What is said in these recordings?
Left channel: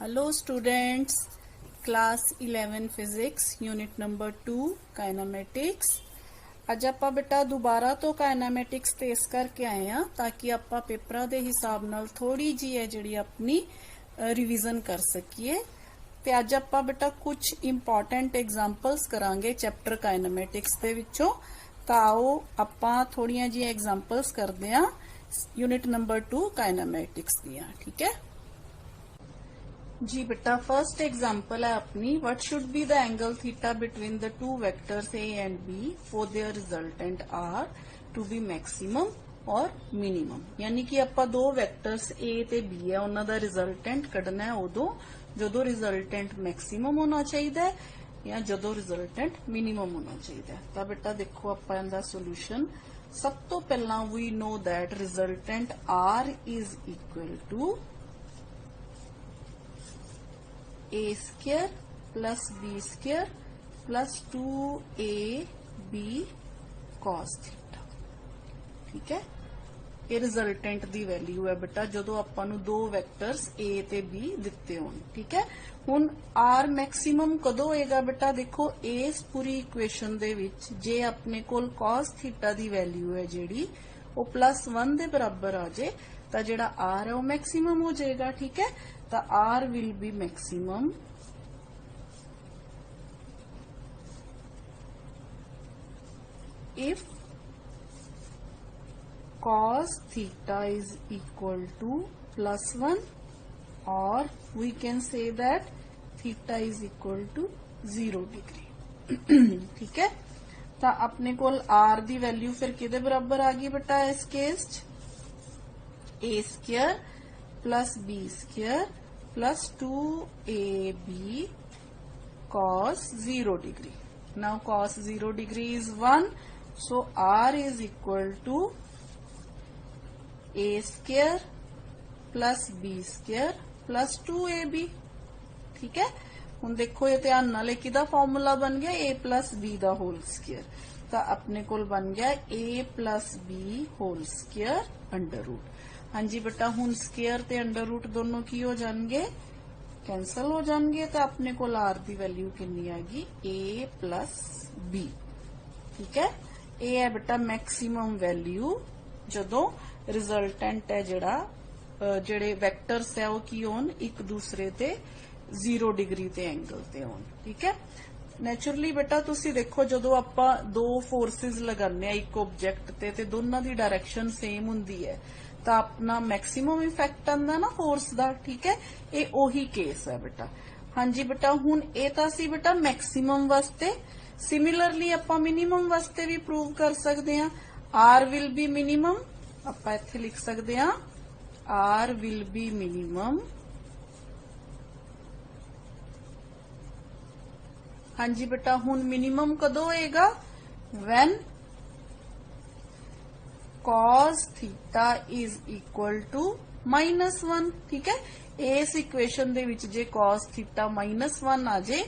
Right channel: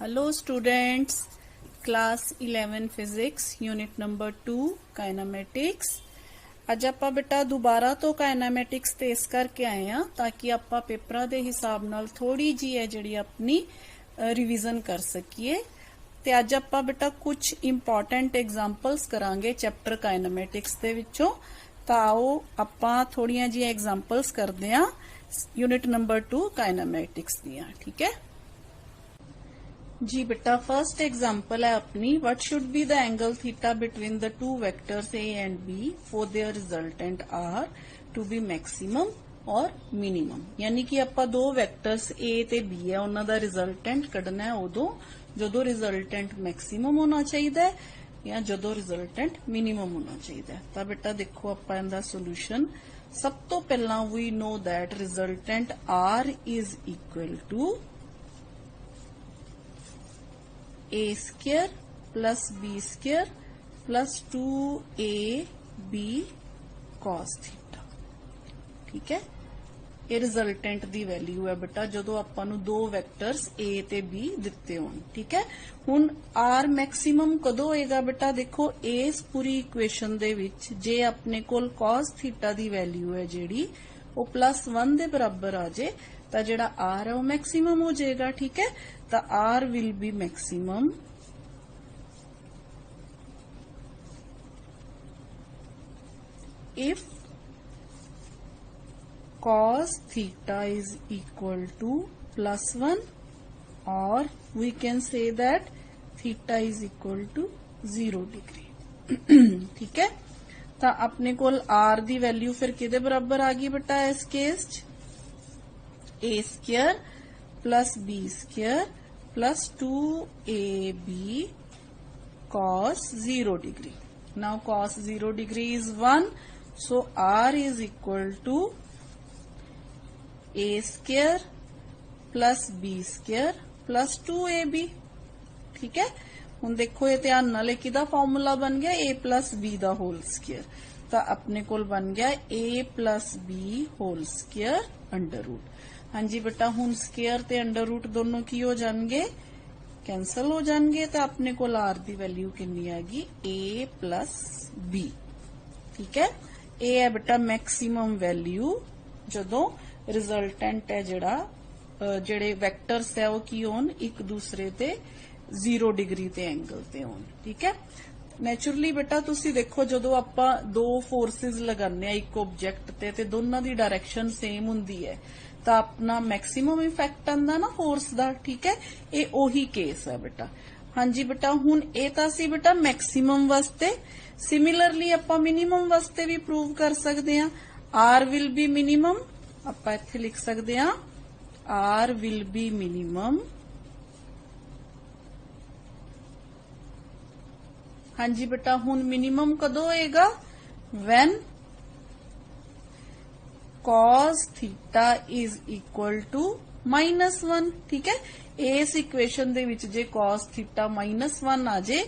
Hello students, class 11 physics unit number 2 kinematics. ਅੱਜ ਆਪਾਂ ਬੇਟਾ ਦੁਬਾਰਾ ਤੋਂ ਕਾਇਨਾਮੈਟਿਕਸ ਤੇ ਇਸ ਕਰਕੇ ਆਏ ਆ ਤਾਂ ਕਿ ਆਪਾਂ ਪੇਪਰਾਂ ਦੇ ਹਿਸਾਬ ਨਾਲ ਥੋੜੀ ਜੀ ਹੈ ਜਿਹੜੀ ਆਪਣੀ ਰਿਵੀਜ਼ਨ ਕਰ ਸਕੀਏ। ਤੇ ਅੱਜ ਆਪਾਂ ਬੇਟਾ ਕੁਝ ਇੰਪੋਰਟੈਂਟ ਐਗਜ਼ਾਮਪਲਸ ਕਰਾਂਗੇ ਚੈਪਟਰ ਕਾਇਨਾਮੈਟਿਕਸ ਦੇ ਵਿੱਚੋਂ। ਤਾਂ ਆਓ ਆਪਾਂ ਥੋੜੀਆਂ ਜੀ ਐਗਜ਼ਾਮਪਲਸ ਕਰਦੇ ਆ यूनिट नंबर 2 काइनामेटिक्स दियां। ठीक है जी बेटा, फर्स्ट एग्जांपल है अपनी, what should be the angle theta between the two vectors A and B for their resultant R to be maximum और मिनिमम। यानी कि ਆਪਾਂ दो वेक्टर्स ए ते बी है ਉਹਨਾਂ ਦਾ ਰਿਜ਼ਲਟੈਂਟ ਕੱਢਣਾ ਹੈ ਉਦੋਂ ਜਦੋਂ ਰਿਜ਼ਲਟੈਂਟ ਮੈਕਸਿਮਮ ਹੋਣਾ ਚਾਹੀਦਾ ਹੈ ਜਾਂ ਜਦੋਂ ਰਿਜ਼ਲਟੈਂਟ ਮਿਨੀਮਮ ਹੋਣਾ ਚਾਹੀਦਾ ਹੈ। ਤਾਂ ਬੇਟਾ ਦੇਖੋ ਆਪਾਂ ਇਹਦਾ ਸੋਲੂਸ਼ਨ। सब तो पहला we know that resultant R is equal to A square plus B square plus 2AB cos theta। ठीक है, ਇਹ ਰਿਜ਼ਲਟੈਂਟ ਦੀ ਵੈਲਿਊ ਹੈ ਬੇਟਾ ਜਦੋਂ ਆਪਾਂ ਨੂੰ ਦੋ ਵੈਕਟਰਸ A ਤੇ B ਦਿੱਤੇ ਹੋਣ। ਠੀਕ ਹੈ, ਹੁਣ R ਮੈਕਸਿਮਮ ਕਦੋਂ ਹੋਏਗਾ ਬੇਟਾ? ਦੇਖੋ ਇਸ ਪੂਰੀ ਇਕੁਏਸ਼ਨ ਦੇ ਵਿੱਚ ਜੇ ਆਪਣੇ ਕੋਲ cos ਥੀਟਾ ਦੀ ਵੈਲਿਊ ਹੈ ਜਿਹੜੀ ਉਹ +1 ਦੇ ਬਰਾਬਰ ਆ ਜੇ ਤਾਂ ਜਿਹੜਾ R ਹੈ ਉਹ ਮੈਕਸਿਮਮ ਹੋ ਜਾਏਗਾ। ਠੀਕ ਹੈ, ਤਾਂ R will be maximum if cos theta is equal to +1 or we can say that theta is equal to 0 degree। ठीक है, ਤਾਂ ਆਪਣੇ ਕੋਲ R ਦੀ ਵੈਲਿਊ ਫਿਰ ਕਿਹਦੇ ਬਰਾਬਰ ਆ ਗਈ ਬੇਟਾ ਇਸ ਕੇਸ ਚ? A square plus B square plus 2AB cos 0 degree। Now cos 0 degree is 1, so R is equal to A square plus B square plus 2AB। ठीक है, ਹੁਣ ਦੇਖੋ ਇਹ ਧਿਆਨ ਨਾਲ ਕਿਹਦਾ ਫਾਰਮੂਲਾ ਬਣ ਗਿਆ? A plus B the whole square. ਤਾਂ ਆਪਣੇ ਕੋਲ ਬਣ ਗਿਆ A plus B whole square under route. ਹਾਂਜੀ ਬੇਟਾ, ਹੁਣ ਸਕੁਅਰ ਤੇ ਅੰਡਰ ਰੂਟ ਦੋਨੋਂ ਕੀ ਹੋ ਜਾਣਗੇ? ਕੈਂਸਲ ਹੋ ਜਾਣਗੇ। ਤਾਂ ਆਪਣੇ ਕੋਲ R ਦੀ ਵੈਲਿਊ ਕਿੰਨੀ ਆ ਗਈ? A plus B। ਠੀਕ ਹੈ, ਇਹ ਹੈ ਬੇਟਾ ਮੈਕਸਿਮਮ ਵੈਲਿਊ ਜਦੋਂ ਰਿਜ਼ਲਟੈਂਟ ਹੈ ਜਿਹੜੇ ਵੈਕਟਰਸ ਹੈ ਉਹ ਕੀ ਹੋਣ? ਇੱਕ ਦੂਸਰੇ ਤੇ 0 ਡਿਗਰੀ ਤੇ ਐਂਗਲ ਤੇ ਹੋਣ। ਠੀਕ ਹੈ, ਨੇਚਰਲੀ ਬੇਟਾ ਤੁਸੀਂ ਦੇਖੋ ਜਦੋਂ ਆਪਾਂ ਦੋ ਫੋਰਸਿਸ ਲਗਾਉਂਦੇ ਆ ਇੱਕ ਆਬਜੈਕਟ ਤੇ ਦੋਨਾਂ ਦੀ ਡਾਇਰੈਕਸ਼ਨ ਸੇਮ ਹੁੰਦੀ ਹੈ ਤਾਂ ਆਪਣਾ ਮੈਕਸਿਮਮ ਇਫੈਕਟ ਆਉਂਦਾ ਨਾ ਫੋਰਸ ਦਾ। ਠੀਕ ਹੈ, ਇਹ ਉਹੀ ਕੇਸ ਹੈ ਬੇਟਾ। ਹਾਂਜੀ ਬੇਟਾ, ਹੁਣ ਇਹ ਤਾਂ ਸੀ ਬੇਟਾ ਮੈਕਸਿਮਮ ਵਾਸਤੇ। ਸਿਮਿਲਰਲੀ ਆਪਾਂ ਮਿਨੀਮਮ ਵਾਸਤੇ ਵੀ ਪ੍ਰੂਵ ਕਰ ਸਕਦੇ ਆ। R will be minimum, ਆਪਾਂ ਇੱਥੇ ਲਿਖ ਸਕਦੇ ਆ R will be minimum। ਹਾਂਜੀ ਬੇਟਾ, ਹੁਣ ਮਿਨੀਮਮ ਕਦੋਂ ਹੋਏਗਾ? when cos theta is equal to -1। ਠੀਕ ਹੈ, ਇਸ ਇਕੁਏਸ਼ਨ ਦੇ ਵਿੱਚ ਜੇ cos theta -1 ਆ ਜੇ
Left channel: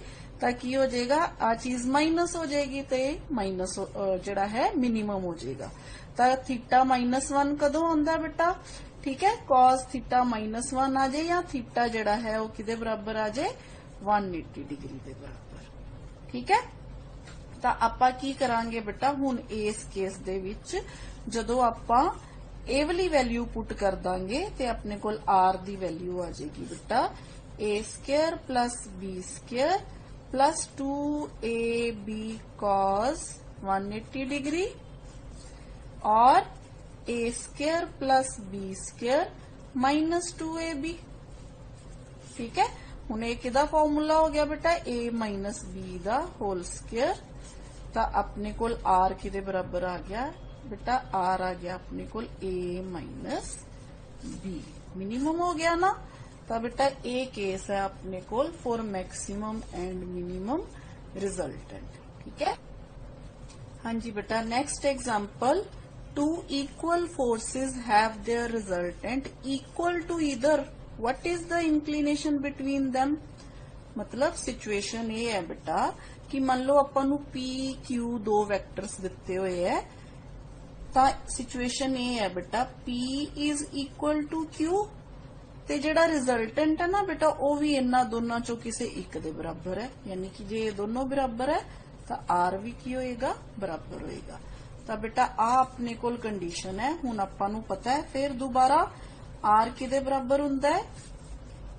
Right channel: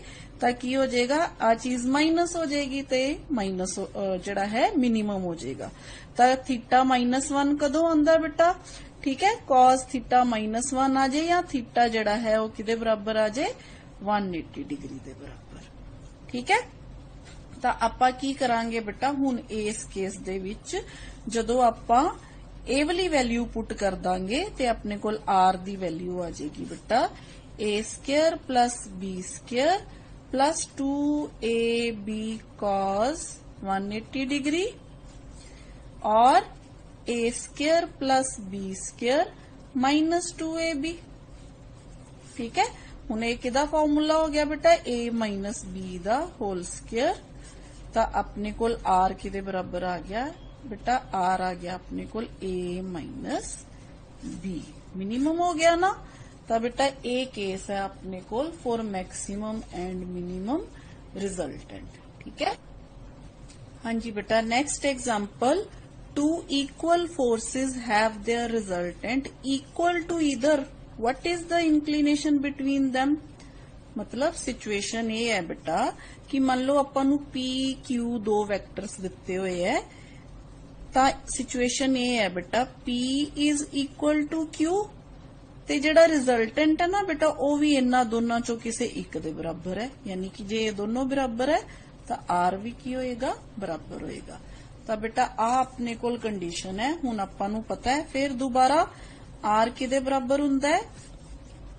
ਤਾਂ ਕੀ ਹੋ ਜਾਏਗਾ? ਆ ਚੀਜ਼ ਮਾਈਨਸ ਹੋ ਜਾਏਗੀ ਤੇ ਮਾਈਨਸ ਜਿਹੜਾ ਹੈ ਮਿਨੀਮਮ ਹੋ ਜਾਏਗਾ। ਤਾਂ ਥੀਟਾ -1 ਕਦੋਂ ਆਉਂਦਾ ਬੇਟਾ? ਠੀਕ ਹੈ, cos theta -1 ਆ ਜੇ ਜਾਂ ਥੀਟਾ ਜਿਹੜਾ ਹੈ ਉਹ ਕਿਹਦੇ ਬਰਾਬਰ ਆ ਜੇ? 180 ਡਿਗਰੀ ਦੇ ਬਰਾਬਰ। ਠੀਕ ਹੈ, ਤਾਂ ਆਪਾਂ ਕੀ ਕਰਾਂਗੇ ਬੇਟਾ ਹੁਣ ਇਸ ਕੇਸ ਦੇ ਵਿੱਚ ਜਦੋਂ ਆਪਾਂ ਇਹ ਵਾਲੀ ਵੈਲਿਊ ਪੁੱਟ ਕਰ ਦਾਂਗੇ ਤੇ ਆਪਣੇ ਕੋਲ R ਦੀ ਵੈਲਿਊ ਆ ਜਾਏਗੀ ਬੇਟਾ A square plus B square plus 2AB cos 180 degree और A square plus B square minus 2AB। ठीक है, ਹੁਣ ਇਹ ਕਿਹਦਾ ਫਾਰਮੂਲਾ ਹੋ ਗਿਆ ਬੇਟਾ? A minus B the whole square. ਤਾਂ ਆਪਣੇ ਕੋਲ R ਕਿਹਦੇ ਬਰਾਬਰ ਆ ਗਿਆ ਬੇਟਾ? R ਆ ਗਿਆ ਆਪਣੇ ਕੋਲ A minus B। ਮਿਨੀਮਮ ਹੋ ਗਿਆ ਨਾ। ਤਾਂ ਬੇਟਾ ਇਹ ਕੇਸ ਹੈ ਆਪਣੇ ਕੋਲ for maximum and minimum resultant. ਠੀਕ ਹੈ, ਹਾਂਜੀ ਬੇਟਾ, next example. Two equal forces have their resultant equal to either what is the inclination between them। मतलब सिचुएशन ये है बेटा कि मान लो ਆਪਾਂ ਨੂੰ P Q ਦੋ ਵੈਕਟਰਸ ਦਿੱਤੇ ਹੋਏ ਹੈ ਤਾਂ सिचुएशन ये है बेटा P is equal to Q ते जिहड़ा रिजल्टेंट है ना बेटा वो भी इन्ना दोनों चों किसी एक दे बराबर है, यानी कि जे दोनों बराबर है तो आर भी की होएगा बराबर होएगा। तो बेटा आ अपने कोल कंडीशन है। हुण आपां नूं पता है फिर दोबारा आर किदे बराबर हुंदा है,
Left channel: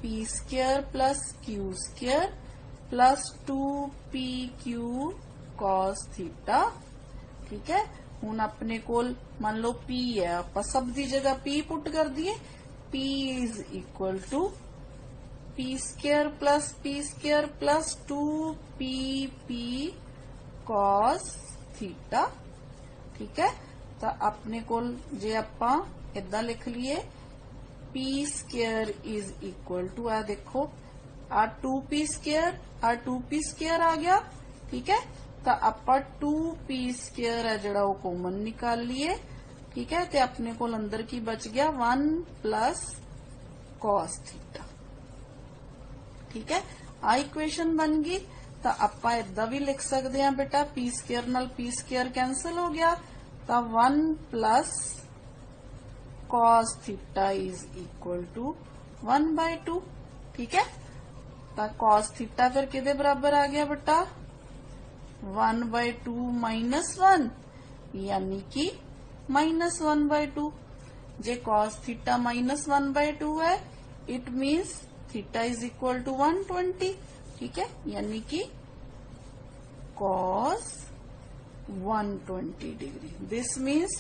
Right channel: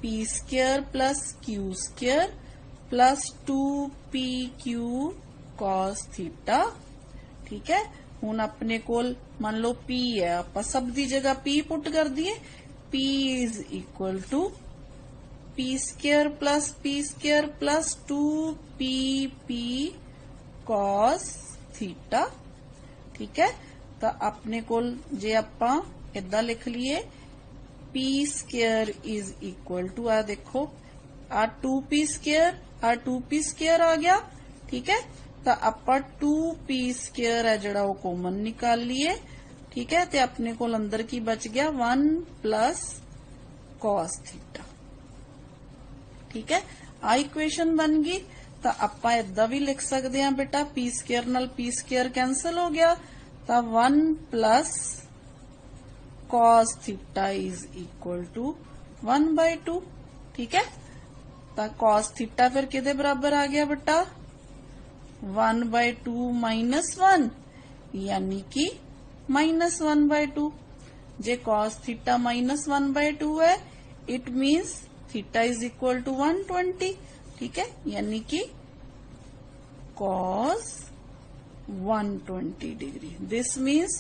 P square plus Q square plus 2pq cos theta. ठीक है, हुण अपने कोल मान लो p है, आपां सब दी जगह p पुट कर दिए, p is equal to P square plus 2pp cos theta. ठीक है, तो अपने कोल जे आपां इदां लिख लिए P square is equal to आ देखो आ 2p स्क्वायर आ गया। ठीक है, तो आपां 2p स्क्वायर है जिहड़ा वो कॉमन निकाल लिए। ठीक है, ते अपने कोल अंदर की बच गया 1 प्लस cos थीटा। ठीक है, आ इक्वेशन बन गई। तो आपां इदां भी लिख सकते हैं बेटा पी स्क्वायर नाल पी स्क्वायर कैंसल हो गया, तो 1 plus cos theta is equal to 1/2। ठीक है, तो cos थीटा फिर किदे बराबर आ गया बेटा 1/2 माइनस 1, यानी कि माइनस 1/2। जे cos थीटा माइनस 1/2 है, it means theta is equal to 120। ठीक है, यानी कि cos 120 degree. This means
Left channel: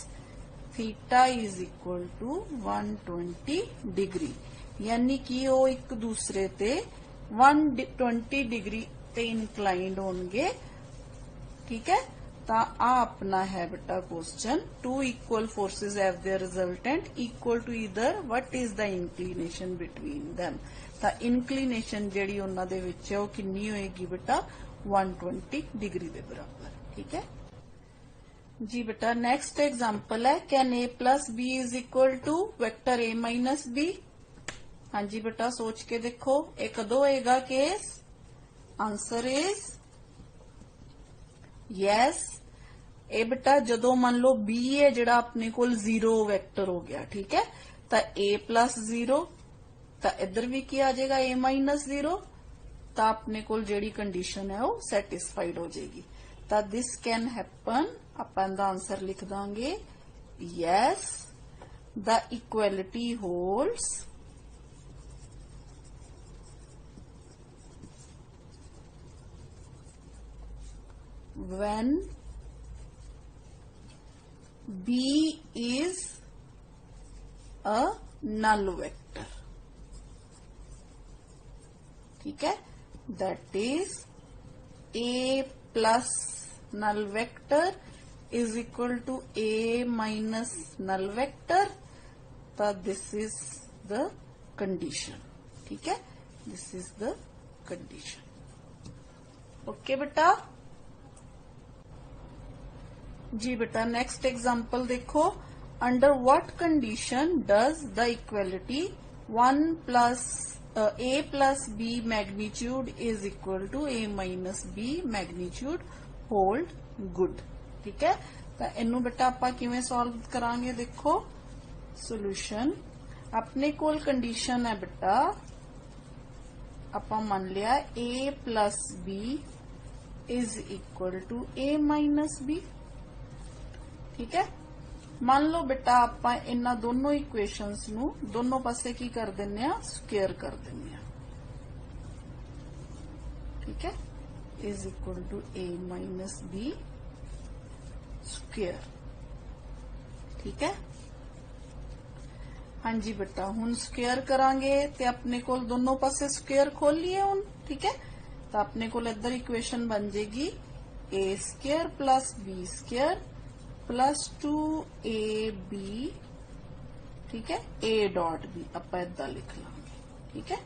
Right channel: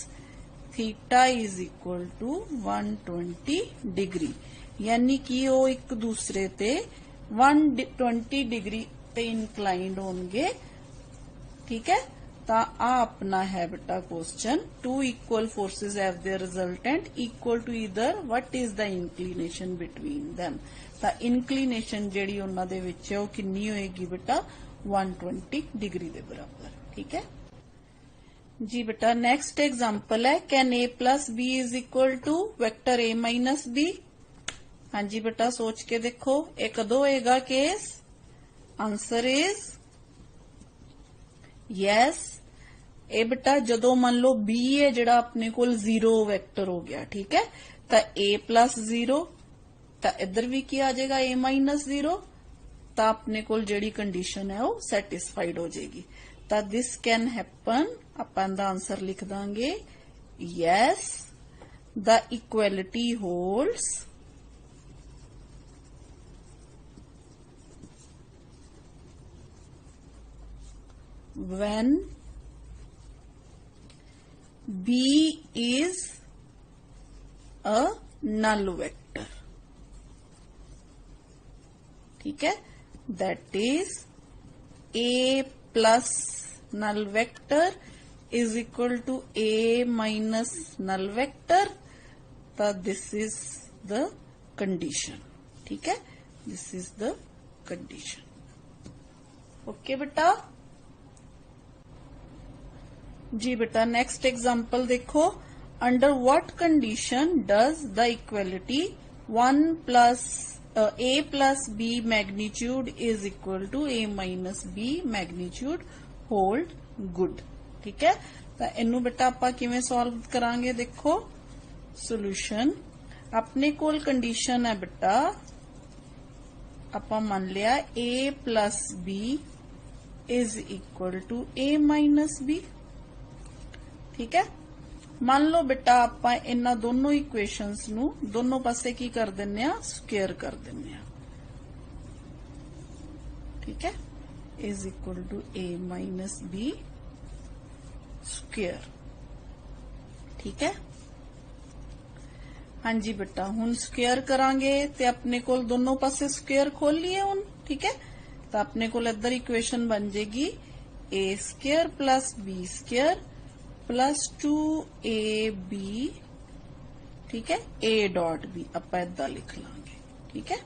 theta is equal to 120 degree, यानी कि वो एक दूसरे ते 120 डिग्री ते इंक्लाइंड होंगे। ठीक है, तो आ अपना है बेटा question. Two equal forces have their resultant equal to either what is the inclination between them. तो इंक्लिनेशन जिहड़ी उन्हां दे विच है वो कितनी होएगी बेटा 120 डिग्री दे बराबर। ठीक है जी बेटा, नेक्स्ट एग्जांपल है can a plus B is equal to vector a minus B. हाँ जी बेटा, सोच के देखो ये कदों होएगा केस। Answer is yes. ए बेटा जदों मान लो b है जिहड़ा अपने कोल 0 वेक्टर हो गया। ठीक है, तो a प्लस 0, तो इधर भी की आ जाएगा a माइनस 0, तो अपने कोल जिहड़ी कंडीशन है वो सैटिस्फाइड हो जाएगी। तो दिस कैन हैपन, अपन दा आंसर लिख Dange yes the equality holds when b is a null vector। ठीक है, that is a plus null vector is equal to a minus null vector। तो this is the condition। ठीक है, this is the condition। Okay बेटा जी बेटा, next example देखो। Under what condition does the equality 1 plus a plus b magnitude is equal to a minus b magnitude hold good. ठीक है, तो इनू बेटा आपां किवें सॉल्व करांगे। देखो सोल्यूशन अपने कोल कंडीशन है बेटा, आपां मान लिया a plus b is equal to a minus b। ठीक है, मान लो बेटा आपां इन्हां दोनों इक्वेशंस नू दोनों पासे की कर दिन्ने आ, स्क्वेयर कर दिन्ने आ। ठीक है, is equal to a minus b square. ठीक है, हाँ जी बेटा, हुण स्क्वेयर करांगे ते अपने कोल दोनों पासे स्क्वेयर खोल लिए हुण। ठीक है, तो अपने कोल इधर इक्वेशन बन जाएगी a square plus b square plus 2ab। ठीक है, a डॉट b आपां इदां लिख लांगे। ठीक है,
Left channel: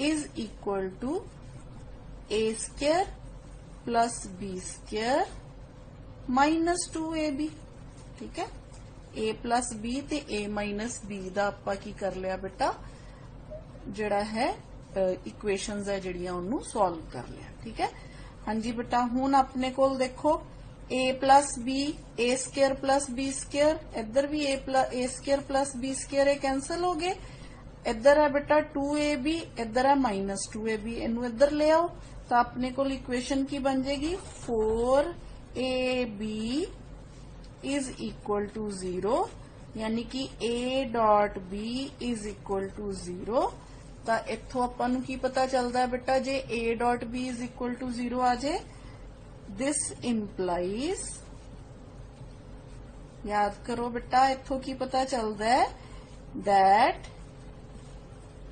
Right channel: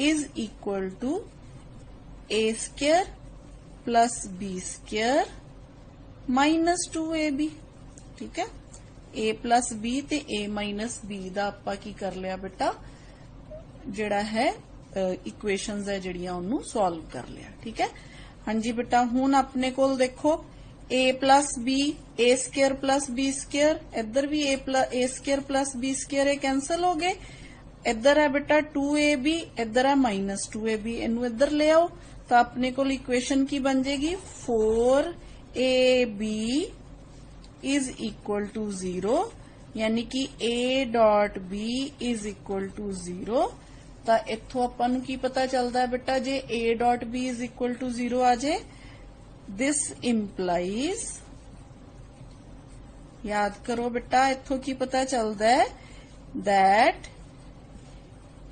is equal to a square plus b square minus 2ab। ठीक है, a प्लस b ते a माइनस b दा आपां की कर लिया बेटा, जिहड़ा है इक्वेशंस है जिहड़ियां उन्नू सॉल्व कर लिया। ठीक है, हाँ जी बेटा, हुण अपने कोल देखो ए प्लस बी, ए स्केयर प्लस बी स्केयर, इधर भी ए स्केयर प्लस बी स्केयर ये कैंसल हो गए। इधर है बेटा 2ab, इधर है -2ab, इनू इधर ले आओ तो अपने को इक्वेशन की बन जाएगी 4ab इज इक्वल टू 0, यानी कि a dot b is equal to 0। तो इथों आपां नूं की पता चलता है बेटा, जे a dot b is equal to 0 आ जाए, दिस इंप्लाइज, याद करो बेटा इथों की पता चलता है that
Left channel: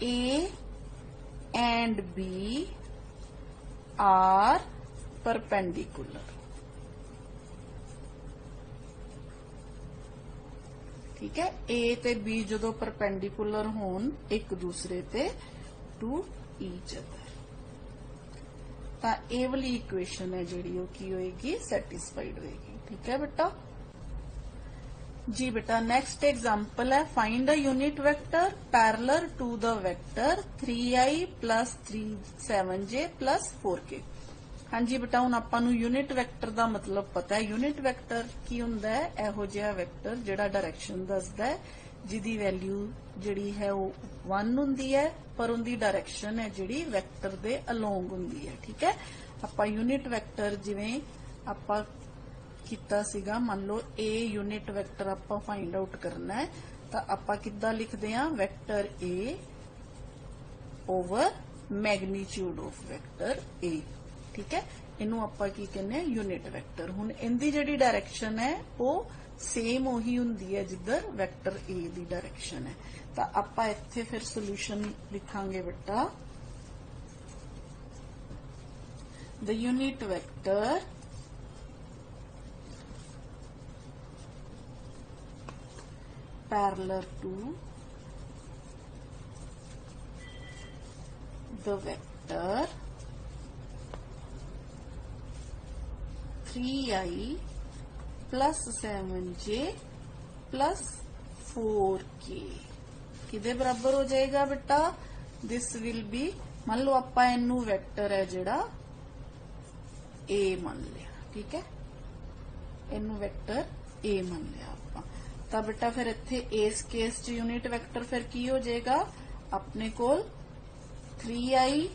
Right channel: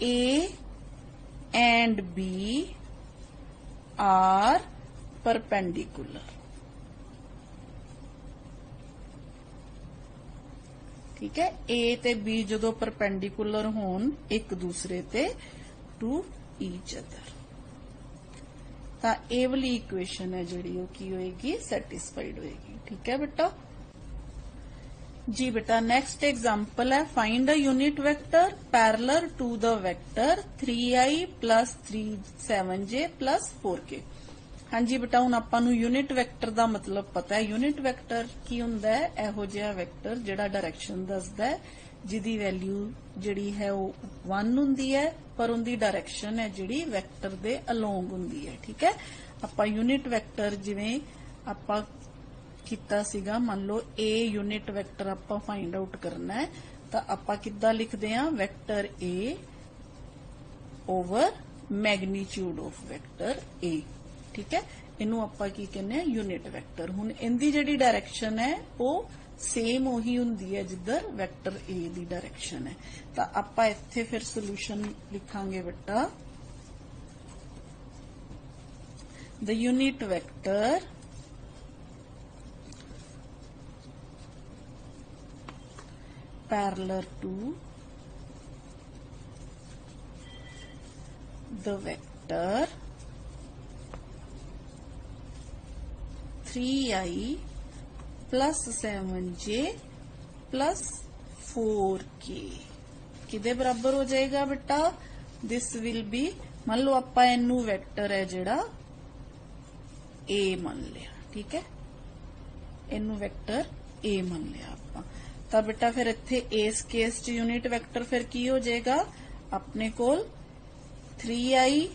A and B are perpendicular। ठीक है, A ते B जो परपेंडिकुलर होन एक दूसरे ते टू ईच अदर, ता ए वाली इक्वेशन है जिहड़ी वो की होएगी, सैटिस्फाइड होएगी। ठीक है बेटा जी। बेटा नेक्स्ट एग्जांपल है, find a unit vector parallel to the vector 3i plus 37j plus 4k। हाँ जी बेटा, हुण आपां नूं यूनिट वेक्टर दा मतलब पता है। यूनिट वेक्टर की हुंदा है, इहो जिहा वेक्टर जिहड़ा डायरेक्शन दसदा है, जिहदी वैल्यू जिहड़ी है वो 1 हुंदी है, पर उनदी डायरेक्शन है जिहड़ी वेक्टर दे अलोंग हुंदी है। ठीक है, आपां यूनिट वेक्टर जिवें आपां कीता सीगा, मान लो ए यूनिट वेक्टर आपां फाइंड आउट करना है, तो आपां किद्दां लिखदे हां, vector A over magnitude of vector A. ठीक है, इनू आपां की कहने हैं, यूनिट वेक्टर। हुण इनदी जिहड़ी डायरेक्शन है वो सेम उही हुंदी है जिधर वेक्टर ए दी डायरेक्शन है। तो आपां इत्थे फिर सोल्यूशन लिखांगे बेटा, the unit vector parallel to the vector 3i plus 7j plus 4k किदे बराबर हो जाएगा बेटा, दिस विल बी, मान लो आपां इनू वेक्टर है जिहड़ा a मान लिया। ठीक है, इनू वेक्टर a मान लिया आपां, तो बेटा फिर इत्थे इस केस च यूनिट वेक्टर फिर की हो जाएगा, अपने कोल 3i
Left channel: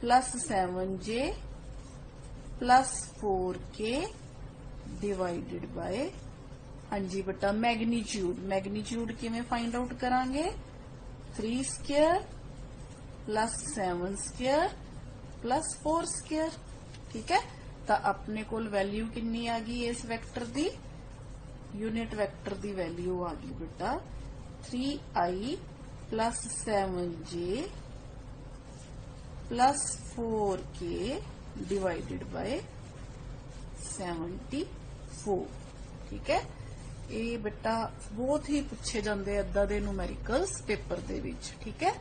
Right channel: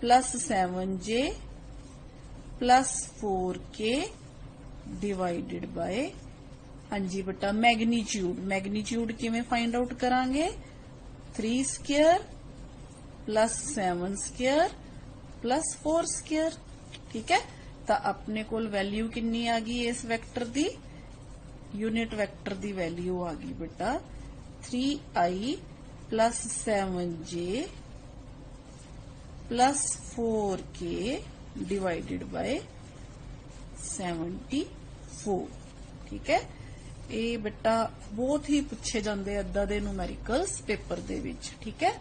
plus 7j plus 4k divided by, हाँ जी बेटा मैग्नीट्यूड, मैग्नीट्यूड किवें फाइंड आउट करांगे, 3 square plus 7 square plus 4 square. ठीक है, तो अपने कोल वैल्यू कितनी आ गई इस वेक्टर दी, यूनिट वेक्टर दी वैल्यू आ गई बेटा 3i plus 7j plus 4k divided by 74। ठीक है, ये बेटा बहुत ही पूछे जाते इदा दे न्यूमेरिकल्स पेपर दे विच। ठीक है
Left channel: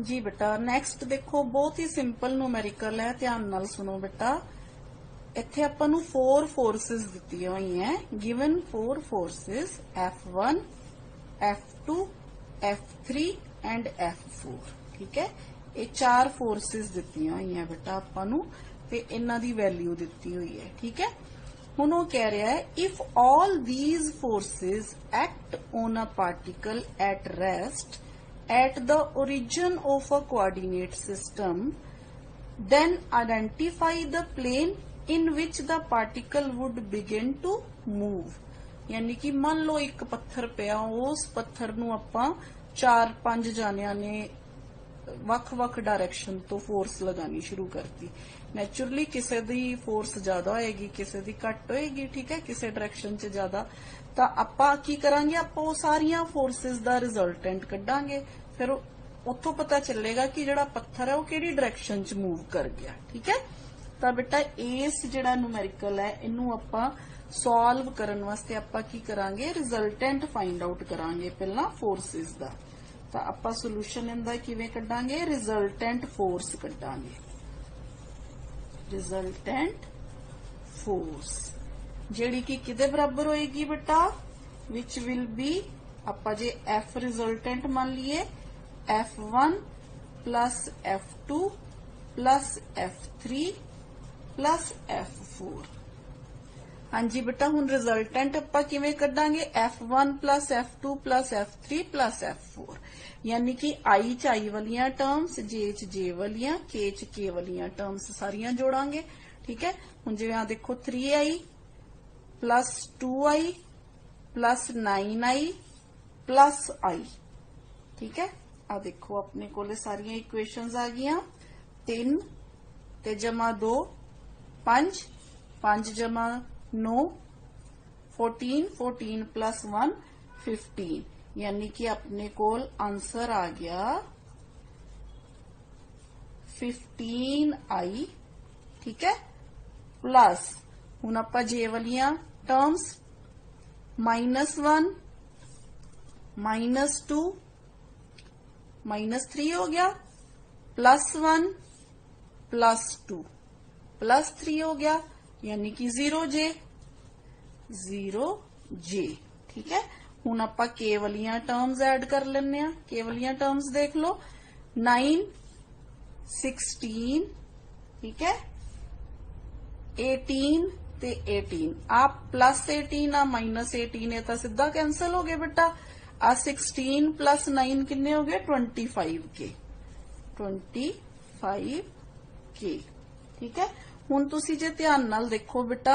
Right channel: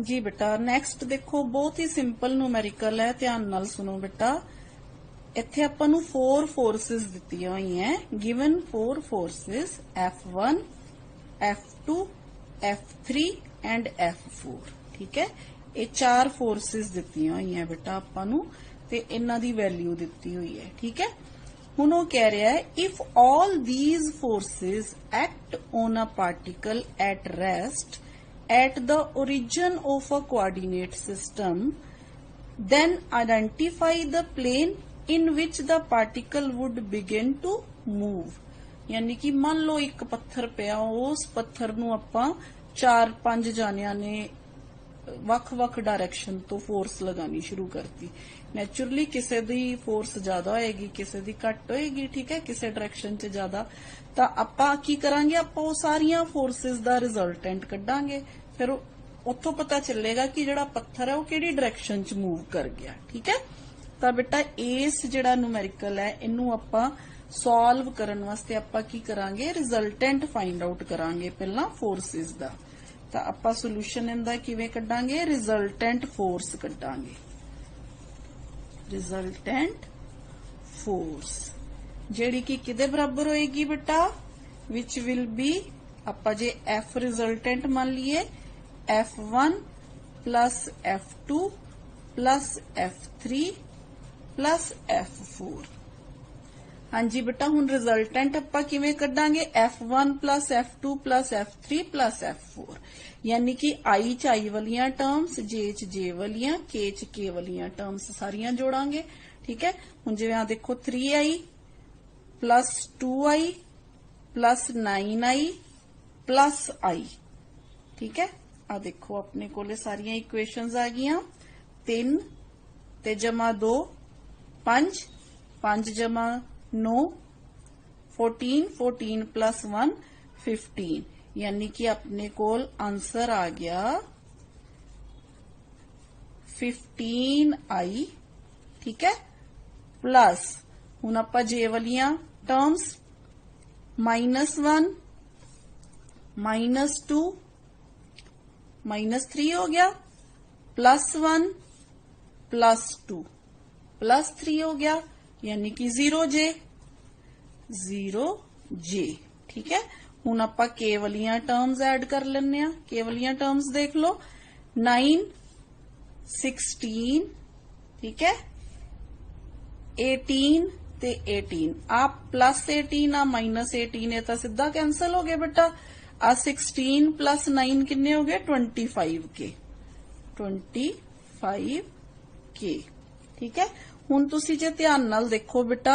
जी बेटा, नेक्स्ट देखो बहुत ही सिंपल न्यूमेरिकल है, ध्यान नाल सुनो बेटा। इत्थे आपां नूं 4 फोर्सेस दित्तियां होई हैं, given 4 forces F1 F2 F3 and F4। ठीक है, ये 4 फोर्सेस दित्तियां होई हैं बेटा आपां नूं, ते इन्हां दी वैल्यू दित्ती हुई है। ठीक है, हुण वो कह रहा है, if all these forces act on a particle at rest at the origin of a coordinate system, then identify the plane in which the particle would begin to move। यानी कि मान लो एक पत्थर पिया, उस पत्थर नूं आपां 4-5 जानियां ने वख-वख डायरेक्शन तो फोर्स लगानी शुरू करती। नेचुरली किसी दी फोर्स ज्यादा होएगी, किसी दी घट होएगी। ठीक है, किसी डायरेक्शन च ज्यादा, तो आपां की करांगे, आपां वो सारियां फोर्सेस दा रिजल्टेंट कड्डांगे, फिर उत्थों पता चलेगा कि जिहड़ा पत्थर है वो किहड़ी डायरेक्शन च मूव कर गया। ठीक है, तो बेटा इस जिहड़ा न्यूमेरिकल है इनू आपां सॉल्व करन वास्ते आपां की करांगे, रिजल्टेंट फाइंड आउट करांगे पहला फोर्सेस दा। तो आपां सोल्यूशन इनदा किवें कड्डांगे, रिजल्टेंट फोर्स कड्डांगे, रिजल्टेंट फोर्स जिहड़ी कि किदे बराबर होएगी बेटा, विच विल बी, आपां जे F रिजल्टेंट मान लीए, F1 plus F2 plus F3 plus F4। हाँ जी बेटा हुण रिजल्टेंट आपां किवें कड्डांगे F1 plus F2 plus F3 plus F4 यानी कि I च I वालियां टर्म्स J च J वालियां K च K वालियां टर्म्स सारियां जोड़ांगे। ठीक है हुण जिवें आ देखो 3I plus 2I plus 9I plus I। ठीक है आ देखो अपने कोले सारियां इक्वेशंस आ गईयां 3 ते जमा 2 5 5 जमा 9 14 14 प्लस 1 15 यानी कि अपने कोल आंसर आ गया 15I। ठीक है प्लस हुण आपां जे वालियां टर्म्स -1 -2 -3 हो गया +1 +2 +3 हो गया यानी कि 0J 0J। ठीक है हुण आपां के वालियां टर्म्स ऐड कर लेने आ। के वालियां टर्म्स देख लो 9 16 ठीक है 18 ते 18 आप +18 आ -18 है तो सीधा कैंसल हो गए बेटा। आ 16 प्लस 9 किन्ने हो गए 25 के 25 के। ठीक है हुण तुसी जे ध्यान नाल देखो बेटा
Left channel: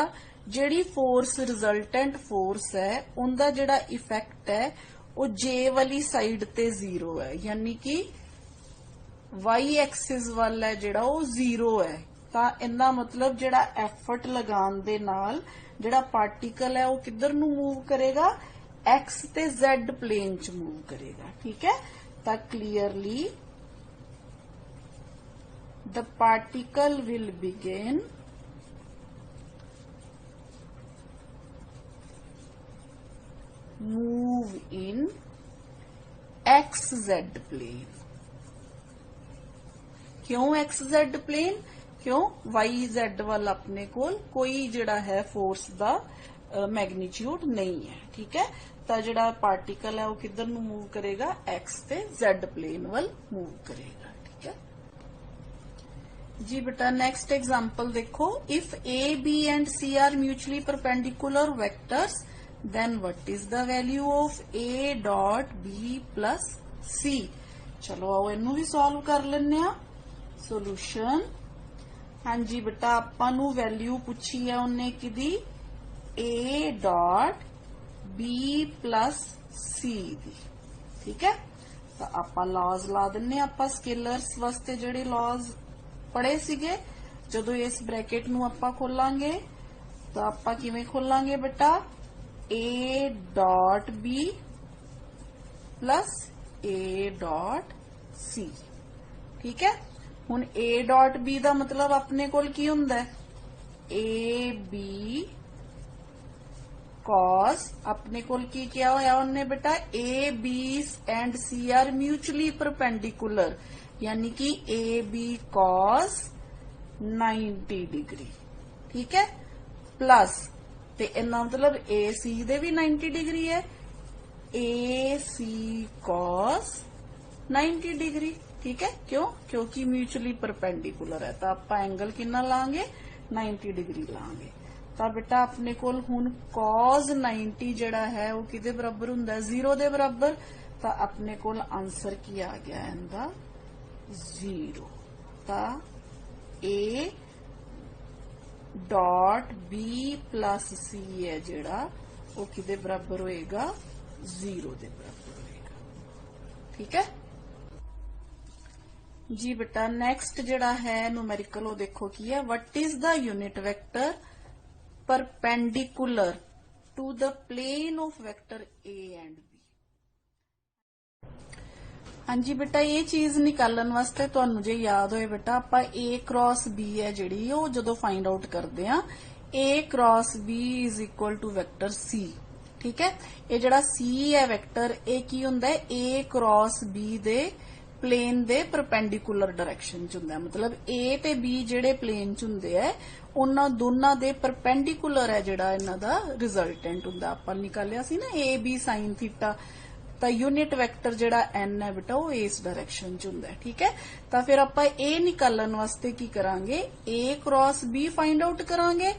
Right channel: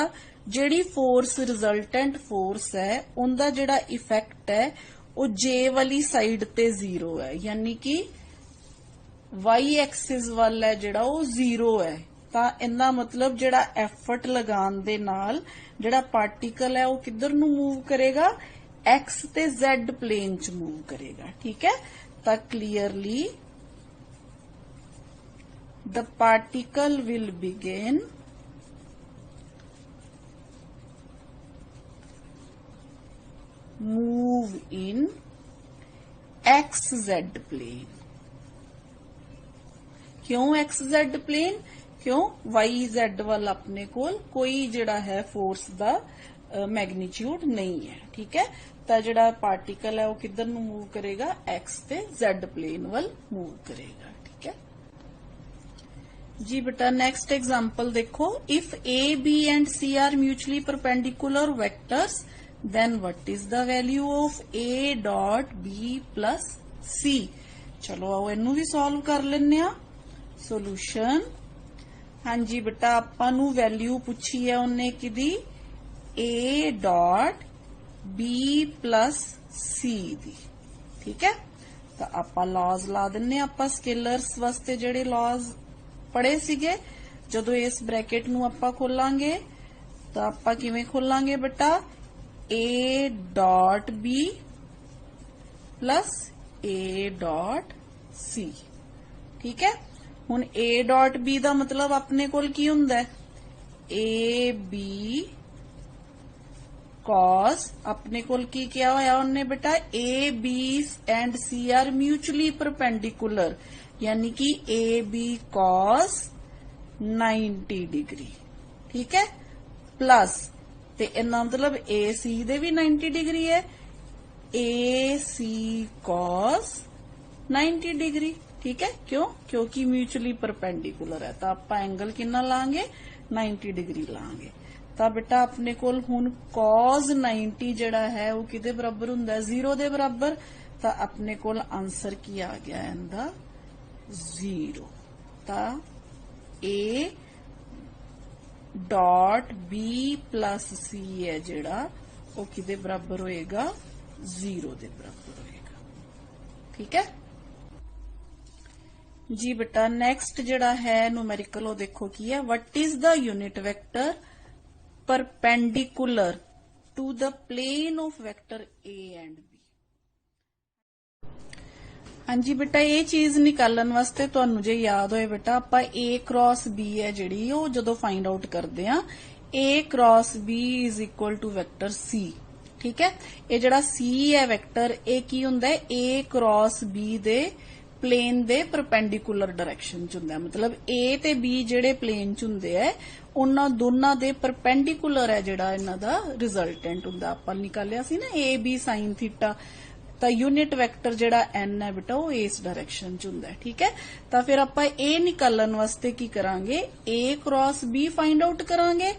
जेड़ी फोर्स रिजल्टेंट फोर्स है उनका जेड़ा इफेक्ट है वो जे वाली साइड ते 0 है यानी कि वाई एक्सिस वाल है जेड़ा वो 0 है। ਤਾਂ ਇਹਦਾ मतलब ਜਿਹੜਾ एफर्ट लगान दे नाल ਜਿਹੜਾ पार्टिकल है वो किधर ਨੂੰ मूव करेगा एक्स ते जेड प्लेन च मूव करेगा। ठीक है ਤਾਂ clearly the particle will begin move in XZ plane। क्यों XZ प्लेन क्यों YZ वाल अपने कोल कोई जिहड़ा है फोर्स दा मैग्नीट्यूड नहीं है। ठीक है तो जिहड़ा पार्टिकल है वो किधर नू मूव करेगा एक्स ते Z प्लेन वाल मूव करेगा। ठीक है जी बेटा नेक्स्ट एग्जांपल देखो if A B and C are mutually perpendicular vectors then what is the value of A dot B plus C। चलो आओ इनू भी सॉल्व कर लेने आ। सोल्यूशन हाँ जी बेटा आपां नू वैल्यू पूछी है उन्हें किदी A dot B plus C दी। ठीक है तो आपां लॉज ला दिन्ने आपां स्केलर्स वास्ते जेडे लॉज पढ़े सीगे जदों इस ब्रैकेट नू आपां खोलांगे तो आपां किवें खोलांगे बेटा A dot B plus A dot C। ठीक है हुण A डॉट B दा मतलब अपने कोल की हुंदा है A B cos अपने कोल की क्या होया उन्हें बेटा A B and C are mutually perpendicular यानी कि A B cos 90 डिग्री। ठीक है प्लस ते इन्ना मतलब A C दे भी 90 डिग्री है A C cos 90 डिग्री। ठीक है क्यों क्योंकि म्यूचुअली परपेंडिकुलर है तो आप एंगल कितना लांगे 90 डिग्री लांगे। तो बेटा अपने कोल हुण cos 90 जड़ा है वो किदे बराबर हुंदा है 0 दे बराबर। तो अपने कोल आंसर की आ गया इनदा 0। तो A dot B plus C है जड़ा वो किदे बराबर होएगा 0 दे बराबर होएगा। ठीक है जी बेटा नेक्स्ट जड़ा है न्यूमेरिकल वो देखो की है what is the unit vector perpendicular to the plane of vector A and B। हाँ जी बेटा ये चीज निकालन वास्ते तुहानू जे याद होए बेटा आपां A क्रॉस B है जिहड़ी वो जदों फाइंड आउट करदे आ A cross B is equal to vector C। ठीक है ये जड़ा C है वेक्टर ये की हुंदा है A क्रॉस B दे प्लेन दे परपेंडिकुलर डायरेक्शन च हुंदा है मतलब A ते B जेडे प्लेन च हुंदे है उन्हां दोनां दे परपेंडिकुलर है जेड़ा इन्हां दा रिजल्टेंट हुंदा आपां निकालिया सी ना A B sin थीटा। ਤਾਂ यूनिट वैक्टर ਜਿਹੜਾ n ਹੈ ਬੇਟਾ ਉਹ ਇਸ डायरेक्शन ਚ ਹੁੰਦਾ ਹੈ। ठीक है, ਤਾਂ ਫਿਰ ਆਪਾਂ ਇਹ ਨਿਕਾਲਣ ਵਾਸਤੇ ਕੀ ਕਰਾਂਗੇ, a cross b find out ਕਰਾਂਗੇ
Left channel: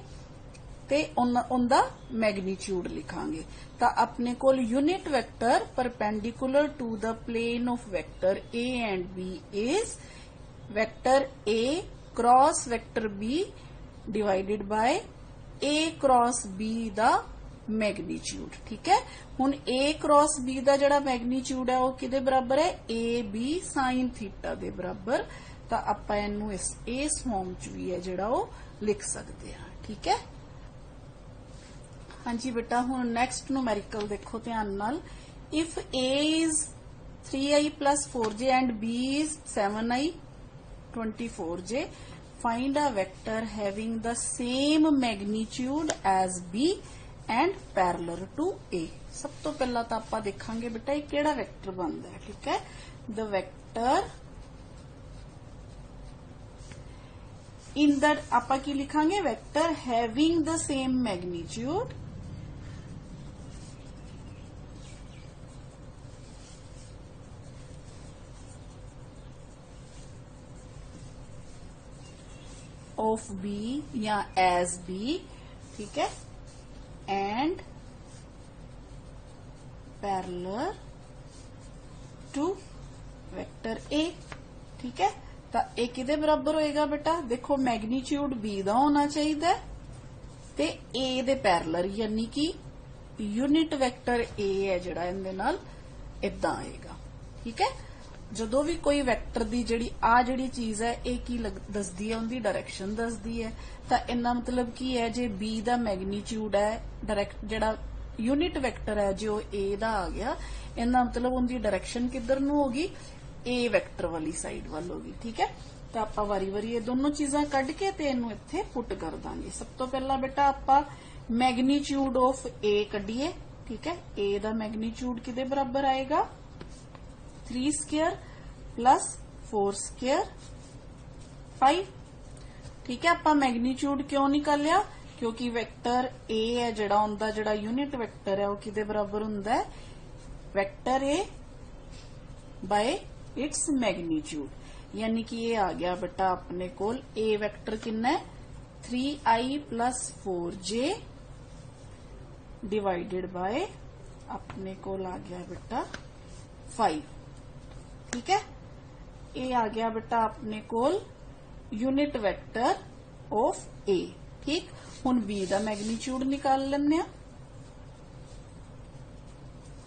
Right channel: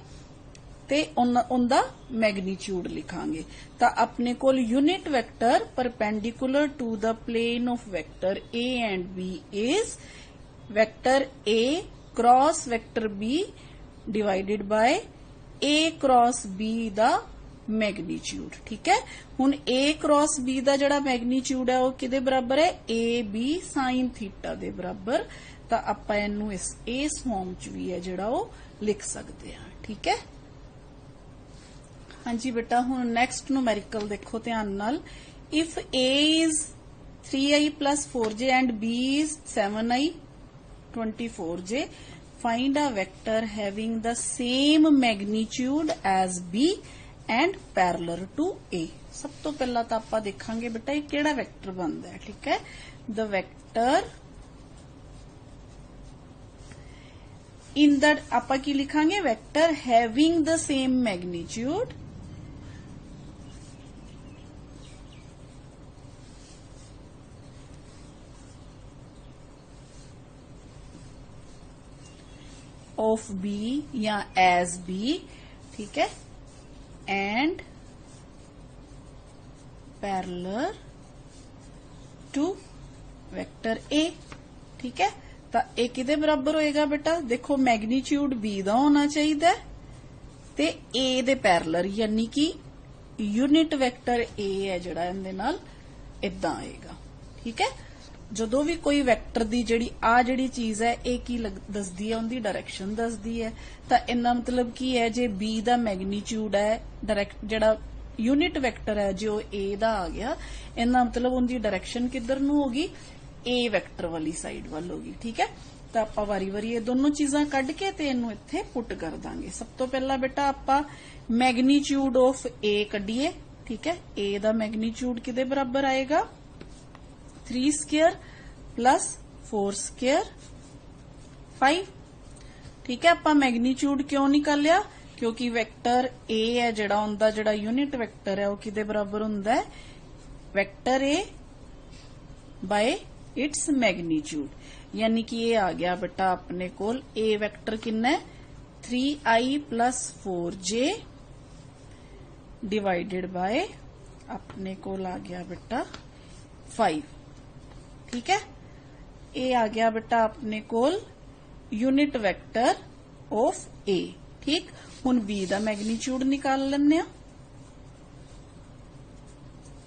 ਤੇ ਉਹਦਾ मैग्नीट्यूड लिखांगे। ਤਾਂ ਆਪਣੇ ਕੋਲ unit vector perpendicular to the plane of vector a and b is vector a cross vector b divided by a cross b ਦਾ मैग्नीट्यूड। ठीक है, हुण a क्रॉस b ਦਾ ਜਿਹੜਾ मैग्नीट्यूड है वो किदे बराबर है, a b sin थीटा ਦੇ बराबर। ਤਾਂ ਆਪਾਂ ਇਹਨੂੰ ਇਸ ਫਾਰਮ ਚ ਵੀ ਹੈ ਜਿਹੜਾ ਉਹ ਲਿਖ ਸਕਦੇ ਹਾਂ। ठीक है, हाँ जी बेटा हुण नैक्सट न्यूमेरिकल देखो ध्यान नाल। If a is 3i plus 4j and b is 7i 24j, find a vector having the same magnitude as b and parallel to a। सब तो पहला तो आप देखांगे बेटा ये केड़ा वेक्टर बनता है। ठीक है, द वेक्टर इन द आप की लिखांगे vector having the same magnitude of B या एज बी। ठीक है, and parallel to vector A. ठीक है, तो ए किदे बराबर होएगा बेटा, देखो मैग्नीट्यूड बी दा होना चाहिए ते ए दे पैरेलल, यानी कि यूनिट वैक्टर ए है जिहड़ा इहदे नाल इदां आएगा। ठीक है, ਜਦੋਂ ਵੀ ਕੋਈ ਵੈਕਟਰ ਦੀ ਜਿਹੜੀ ਆ ਜਿਹੜੀ ਚੀਜ਼ ਹੈ ਇਹ ਕੀ ਦੱਸਦੀ ਹੈ, ਉਹਦੀ ਡਾਇਰੈਕਸ਼ਨ ਦੱਸਦੀ ਹੈ। ਤਾਂ ਇਹਦਾ ਮਤਲਬ ਕੀ ਹੈ, ਜੇ b ਦਾ ਮੈਗਨੀਟਿਊਡ ਹੈ ਡਾਇਰੈਕਟ ਜਿਹੜਾ यूनिट वैक्टर है जो a ਦਾ ਆ ਗਿਆ, ਇਹਦਾ ਮਤਲਬ ਉਹਦੀ ਡਾਇਰੈਕਸ਼ਨ ਕਿੱਧਰ ਨੂੰ ਹੋਗੀ, a ਵੈਕਟਰ ਵਾਲੀ ਸਾਈਡ ਵੱਲ ਹੋਗੀ। ਠੀਕ ਹੈ, ਤਾਂ ਆਪਾਂ ਵਾਰੀ ਵਾਰੀ ਇਹ ਦੋਨੋਂ ਚੀਜ਼ਾਂ ਕੱਢ ਕੇ ਤੇ ਇਹਨੂੰ ਇੱਥੇ ਪੁੱਟ ਕਰ ਦਾਂਗੇ। ਸਭ ਤੋਂ ਪਹਿਲਾਂ ਬੇਟਾ ਆਪਾਂ ਮੈਗਨੀਟਿਊਡ ਆਫ a ਕੱਢੀਏ। ठीक है, a ਦਾ ਮੈਗਨੀਟਿਊਡ ਕਿਹਦੇ ਬਰਾਬਰ ਆਏਗਾ, 3 स्क्वायर प्लस 4 स्क्वायर 5। ठीक है, आप मैग्नीट्यूड क्यों निकालिया, क्योंकि वैक्टर ए है जिहड़ा उनदा जिहड़ा यूनिट वैक्टर है वो किदे बराबर हुंदा है, vector A bye its magnitude. यानी कि ये आ गया बेटा अपने कोल ए वैक्टर कितना है, 3i plus 4j divided by अपने कोल आ गया बेटा 5। ठीक है, ए आ गया बेटा अपने कोल यूनिट वैक्टर ऑफ ए। ठीक, हुण बी दा मैग्नीट्यूड निकाल लेने।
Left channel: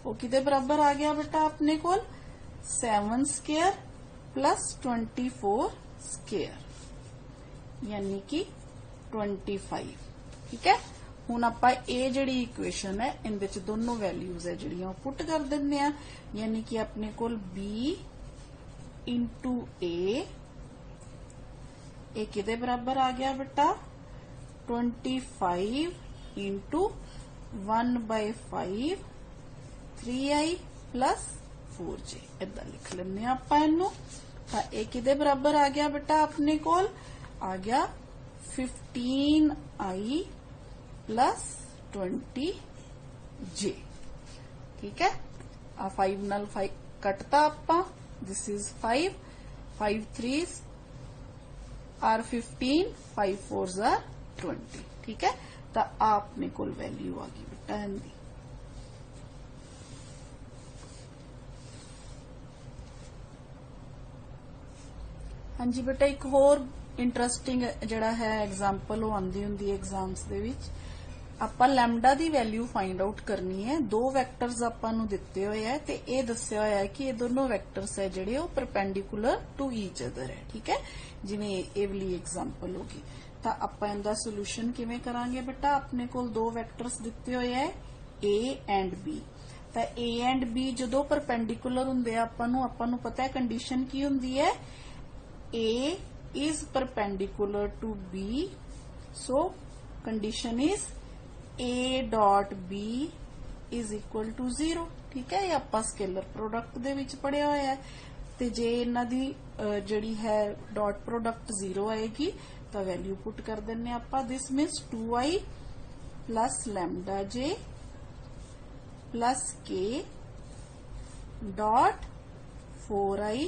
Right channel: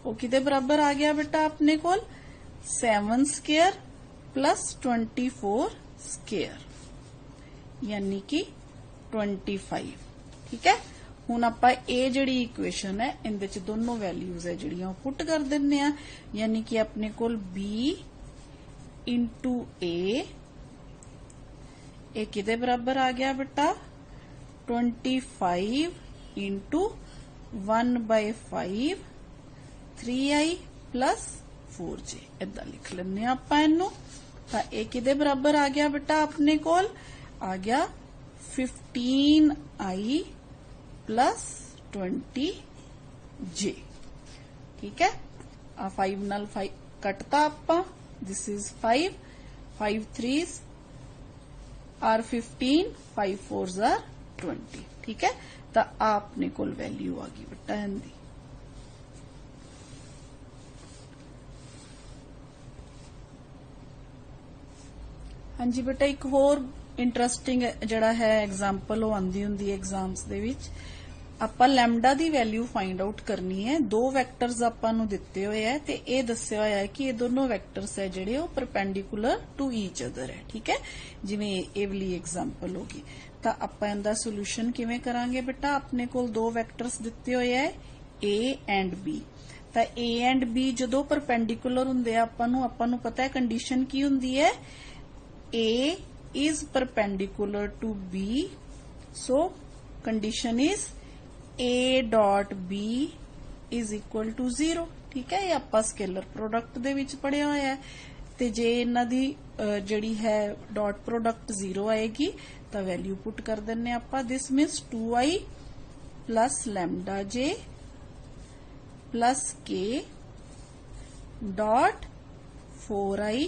वो किदे बराबर आ गया बेटा अपने कोल 7 स्क्वायर प्लस 24 स्क्वायर, यानी कि 25। ठीक है, हुण आपां ए जिहड़ी इक्वेशन है इहदे च दोनों वैल्यूज है जिहड़ियां पुट कर दिंदे आ, यानी कि अपने कोल b इंटू ए किदे बराबर आ गया बेटा 25 इंटू 1/5 3i प्लस 4j। इदा लिख लेने आपां इहनूं। तां ए किदे बराबर आ गया बेटा अपने कोल आ गया 15i प्लस 20j। ठीक है, आ 5 नाल 5 कटता आपां, this is 5 5 3s are 15 5 4s are 20। ठीक है, तो आपने कोल वैल्यू आ गई बेटा इनकी। हाँ जी बेटा, एक होर इंटरस्टिंग जिहड़ा है एग्जाम्पल वो आंदी हुंदी है एग्जाम्स दे विच। ਆਪਾਂ ਲੈਮਡਾ ਦੀ ਵੈਲਿਊ फाइंड आउट करनी है। दो वैक्टर्स ਆਪਾਂ ਨੂੰ ਦਿੱਤੇ ਹੋਏ ਹੈ ਤੇ ਇਹ ਦੱਸਿਆ ਹੋਇਆ ਹੈ ਕਿ ਇਹ ਦੋਨੋਂ ਵੈਕਟਰਸ ਹੈ ਜਿਹੜੇ ਉਹ ਪਰਪੈਂਡੀਕੂਲਰ ਟੂ ਈਚ ਅਦਰ ਹੈ। ਠੀਕ ਹੈ, ਜਿਵੇਂ ਇਹ ਵਾਲੀ ਐਗਜ਼ਾਮਪਲ ਹੋਗੀ। ਤਾਂ ਆਪਾਂ ਇਹਦਾ ਸੋਲੂਸ਼ਨ ਕਿਵੇਂ ਕਰਾਂਗੇ ਬੇਟਾ, ਆਪਣੇ ਕੋਲ ਦੋ ਵੈਕਟਰਸ ਦਿੱਤੇ ਹੋਏ ਹੈ a ਐਂਡ b। ਤਾਂ a ਐਂਡ b ਜਦੋਂ ਪਰਪੈਂਡੀਕੂਲਰ ਹੁੰਦੇ ਆ ਆਪਾਂ ਨੂੰ ਪਤਾ ਹੈ ਕੰਡੀਸ਼ਨ ਕੀ ਹੁੰਦੀ ਹੈ, a is perpendicular to b, so condition is a dot b is equal to 0। ठीक है, ये ਆਪਾਂ स्केलर प्रोडक्ट ਦੇ ਵਿੱਚ ਪੜਿਆ ਹੋਇਆ ਹੈ। ਤੇ ਜੇ ਇਹਨਾਂ ਦੀ ਜਿਹੜੀ ਹੈ ਡਾਟ ਪ੍ਰੋਡਕਟ 0 ਆਏਗੀ ਤਾਂ ਵੈਲਿਊ ਪੁੱਟ ਕਰ ਦਿੰਨੇ ਆਪਾਂ। This means 2i plus lambda j plus k dot 4i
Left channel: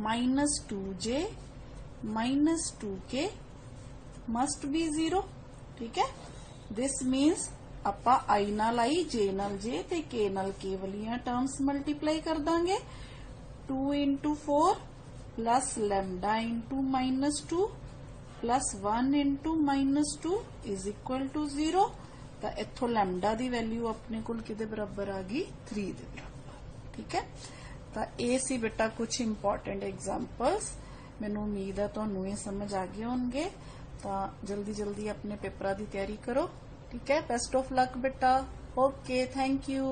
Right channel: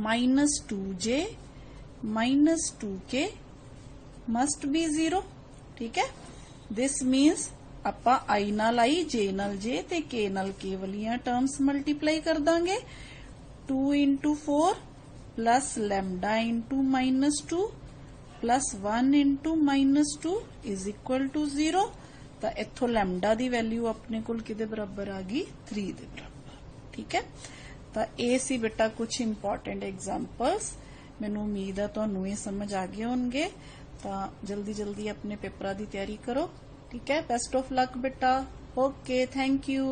minus 2j minus 2k must be 0। ठीक है, दिस मीन्स ਆਪਾਂ i ਨਾਲ i, j ਨਾਲ j ਤੇ k ਨਾਲ k ਵਾਲੀਆਂ ਟਰਮਸ ਮਲਟੀਪਲਾਈ ਕਰ ਦਾਂਗੇ। 2 into 4 plus lambda into minus 2 plus 1 into minus 2 is equal to 0। ਤਾਂ ਇੱਥੋਂ lambda ਦੀ ਵੈਲਿਊ ਆਪਣੇ ਕੋਲ ਕਿਹਦੇ ਬਰਾਬਰ ਆ ਗਈ 3 ਦੇ ਬਰਾਬਰ। ਠੀਕ ਹੈ, ਤਾਂ ਇਹ ਸੀ ਬੇਟਾ ਕੁਝ ਇੰਪੋਰਟੈਂਟ ਐਗਜ਼ਾਮਪਲਸ। ਮੈਨੂੰ ਉਮੀਦ ਆ ਤੁਹਾਨੂੰ ਇਹ ਸਮਝ ਆ ਗਏ ਹੋਣਗੇ। ਤਾਂ ਜਲਦੀ ਜਲਦੀ ਆਪਣੇ ਪੇਪਰਾਂ ਦੀ ਤਿਆਰੀ ਕਰੋ। ठीक है, बेस्ट ऑफ लक बेटा। Okay, thank you.